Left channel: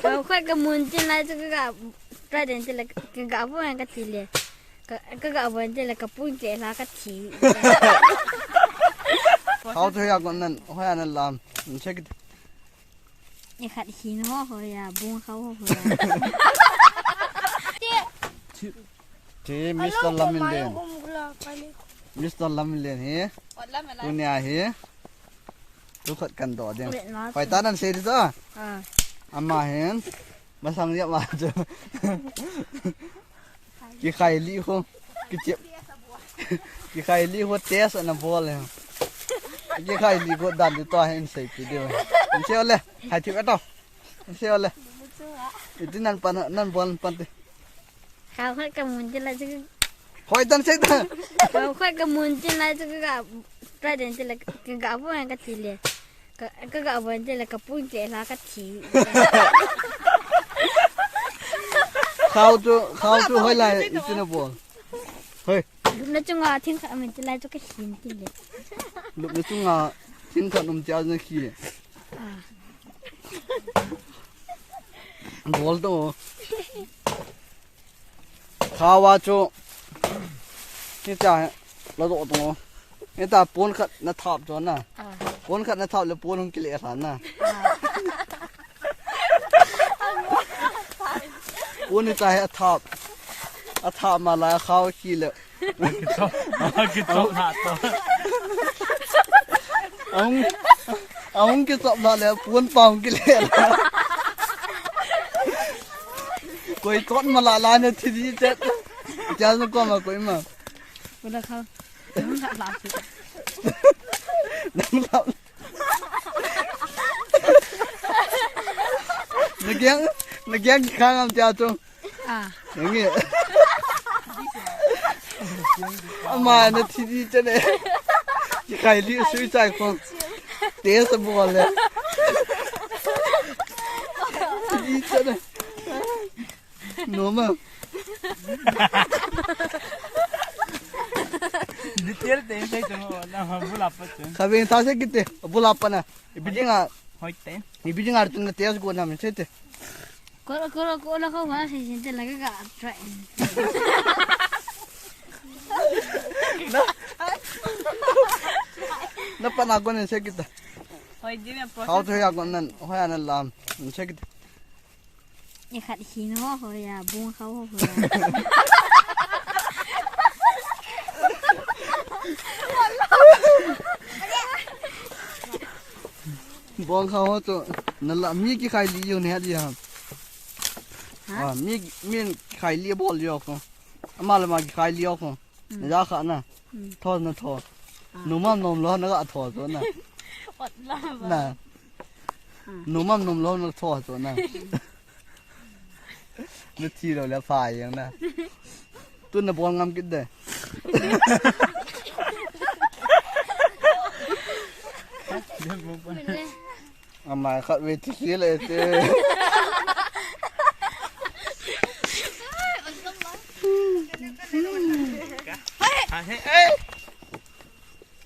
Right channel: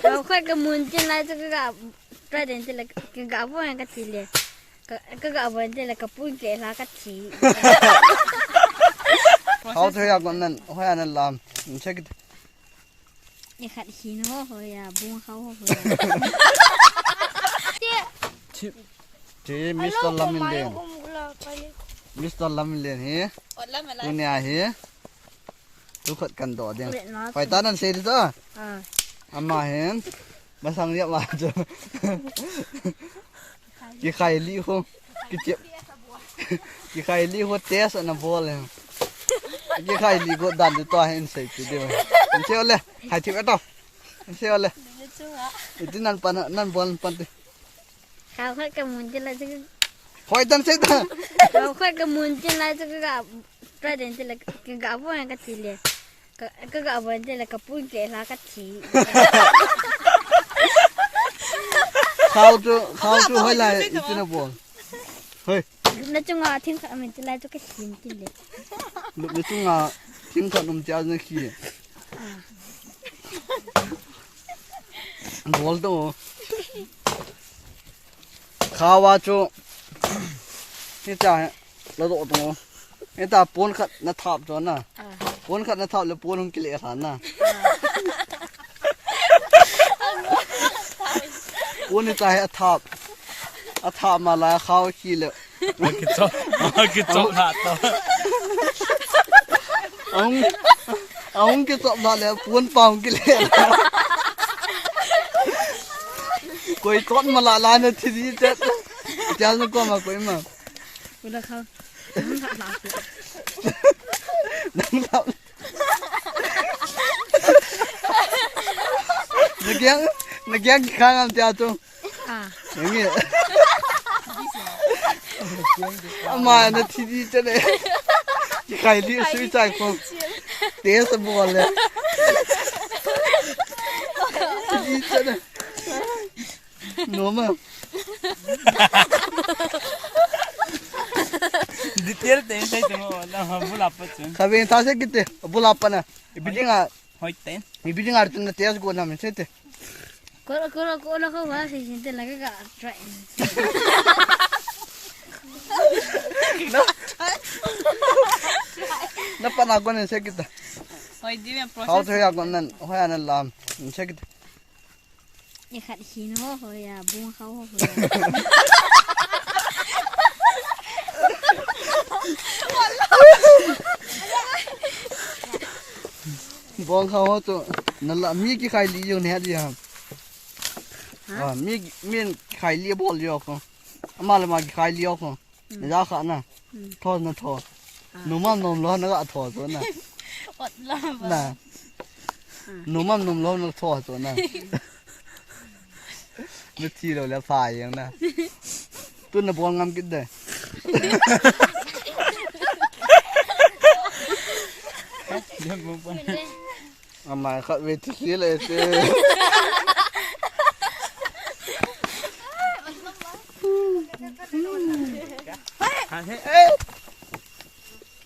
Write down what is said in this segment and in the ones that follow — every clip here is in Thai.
เราค่อยกระมุนจินไรจะก็กับประเด็นจะเลยกับพวกนั้นก็ทีเลยก็กับวันจะเลยกับปุ้งเจลาก็ที เขาเทียกันนั่นห้อยนั่นลามมันใช่กี่อย่าขัดหินห่อเขาอย่าบุ้งเขาห่อเจมิสเตอร์ลามินเลนมิสเตอร์ลามินเลนเฮ้ตัวเนี้ยเฮ้ทุกคนกันต่อเดียวไปตานั่นเสร็จจ้ะอามาเห็นมาสั่งเรียบมาจ้ะกี่ไข่ลี่คงกี่เจ็บกี่ไข่ลี่คงเตะสนามบอลเลยกี่ไข่ลี่ก็ดันตัวให้เสร็จเดียวมันเชี่ยวเลยหายทิพย์ต่อมันเชี่ยวเลยอีนั่นปันนั่นบอลปันตีเขาค่อยกระมุนจินไรจะก็คอยดันเสร็จเราค่อยกระมุนจินไรจะก็กับประเด็นจะเลยกับพวกนั้นก็ทีเลยก็กับวันจะเลยกับปุ้งเจลาก็ที เขาจะให้ไรอีกนะบอลเฮ้ยลูกนั่นจังหวะทิ้งมันจะไรจะก็หินตีเลยลูกนั่นจังหวะทิ้งขนมเจ้าหน้าขี้บอลตัวข้าวว่าจูนี่จ่ายเราโดดตรงนี่ตาปูนขัดนัดทับจนน่ะปูนขัดนัดทับแล้วปูนคงกิเลสหันน่ะปูนนี่ใจอัฐบมาแล้วเข้าขี้เลยกิจหาตัวเอากิจมาแล้วปูนปองกิเลสกุยต้นมาละลายนาทีนี้เจ็ดจ้าจะก็มากุยมาแล้วเขานั่งหลับนักยังข้างจ้าจงอย่างเงี้ยอามานาทีนี้จะเนี่ยใครรีบซื้อใจคงเตะสมบูรณ์เลยทีจะเนี่ยหนูมั้งdetail tem sei tu na bulap tu khabin ta se kitte bulap pana ibijinga hoiten ibijinga artun tes go na men sete ko ko wa se sinte laga ga try na pana go ne se kitta hoi di men how to ya go nan hoya nan lam se kitta อย่าขัดหินห่อเขาอย่าบุ้งเขาห่อบองเขาตัวนั่นละมีกี่ไข่ลีอยู่เนี่ยดิฮะมีไข่ลีบอลอยู่คนมาเลยมาไข่ลีคนนี่ราคาน่ะทอดนะทอดหนูมั่มนมร้อนแล้วก็ทอดตัวน่ะน่ะหนูมั่มนมร้อนแล้วทอดตัวน่ะนึกทีเราแล้วฝ่ายอย่างน่ะตัวน่ะบอลงามกินได้อามาขัดเวทีเลยเจ้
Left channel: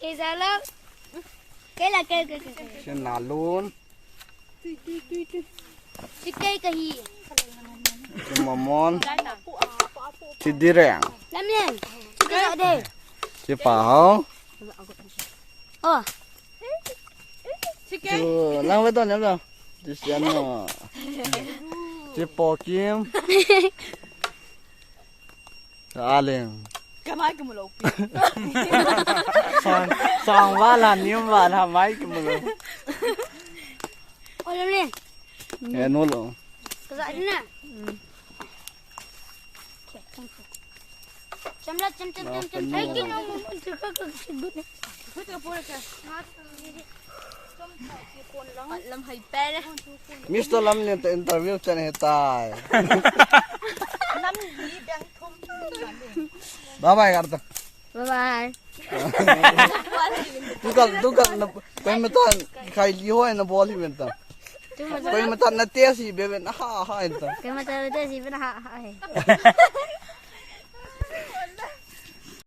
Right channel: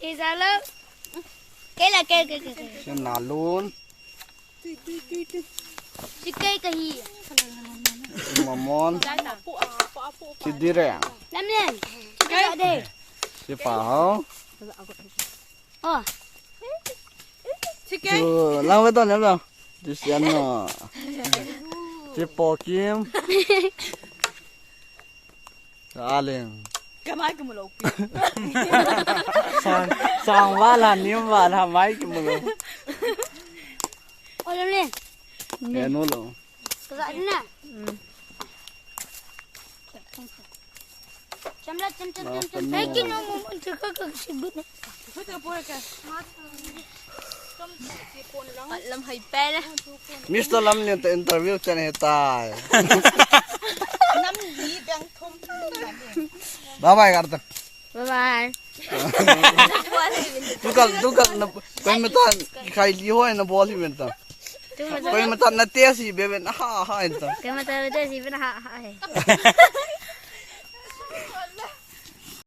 อีสานแล้วเกล้าเกล้ฉันหนาลุ้นชิเก้กะฮีมามอนที่ดีแรงน้ำเย็นเด้อเด้ที่ป่าห้องล้างไว้ตอนนี้แล้วที่เสียนเนาะที่ปอกิมอะไรก็ไม่ก็ไม่รู้ฟังว่าหลานนี้ว่าทำไมก็ไม่รู้โอ้ยเลยเฮ้ยนู่นหรอตัวนี้น่ะจำได้จำให้กินน้ำจะก็ชิบุนะเพื่อจะพูดกันลำหายแป้เลยมิสเตอร์ลำเนี่ยจะอินเตอร์วิวจะเนี่ยตายน้ำดีแบงคมบ๊ายบายกันต่อบ๊ายบายทุกคนไปมาตันใครลี้ห้อยนะบอลที่เป็นต่อไปมาตันนาเตียสิเบเป็นฮ่าฮ่าอินต่อไปมาตันนาเตียสิเป็นฮ่าฮ่า